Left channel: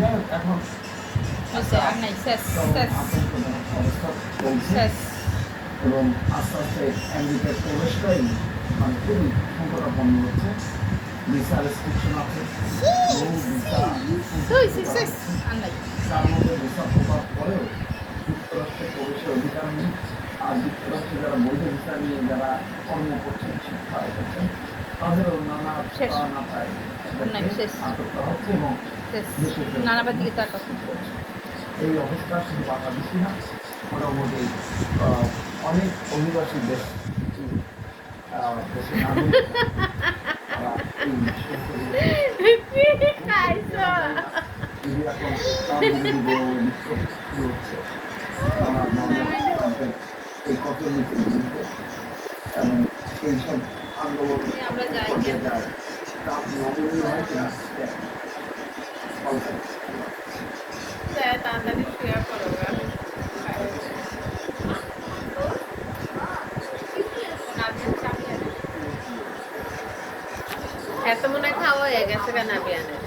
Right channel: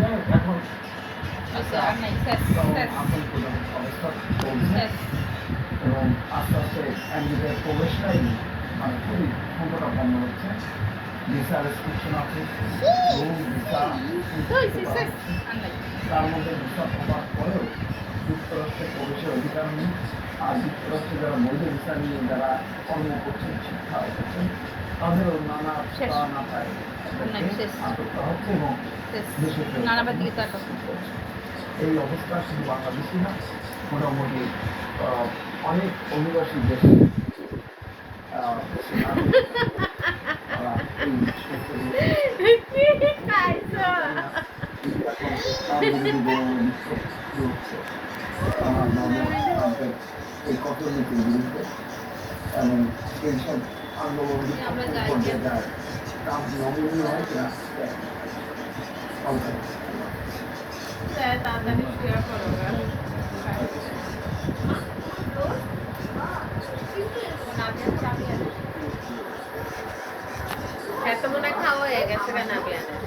যাই হোক এখন একটা শেষ আতঙ্কজনক অবস্থা চলছে এবং আস্তে আস্তে আমেরিকার প্রবেশটাই মানে খুবই সংকটাপন্ন হচ্ছে। ভিসা রেস্ট্রিকশন আছে, ভিসা তার মধ্যে ভিসা প্রকাশ করেও যুক্তরাষ্ট্রে প্রবেশের অধিকার নেই। আর যুক্তরাষ্ট্রে যারা বৈধ ভিসা নিয়ে যারা কর্ম করছেন, শিক্ষা করছেন, তাদেরও নানা না পায় আটক করা হচ্ছে এবং দেশে এই অবস্থা শুধু বাংলাদেশি না, মোটামুটি অনেক অভিবাসী দেশ দেশের নাগরিক তারা এই এই কঠোরনীতির বিরুদ্ধে এবং সেই সব আন্দোলন পর্যায়ে যায় তা নমনীয় হয় কিনা এত মনে হয় খাওয়া হয়ে গেছে কেন আমি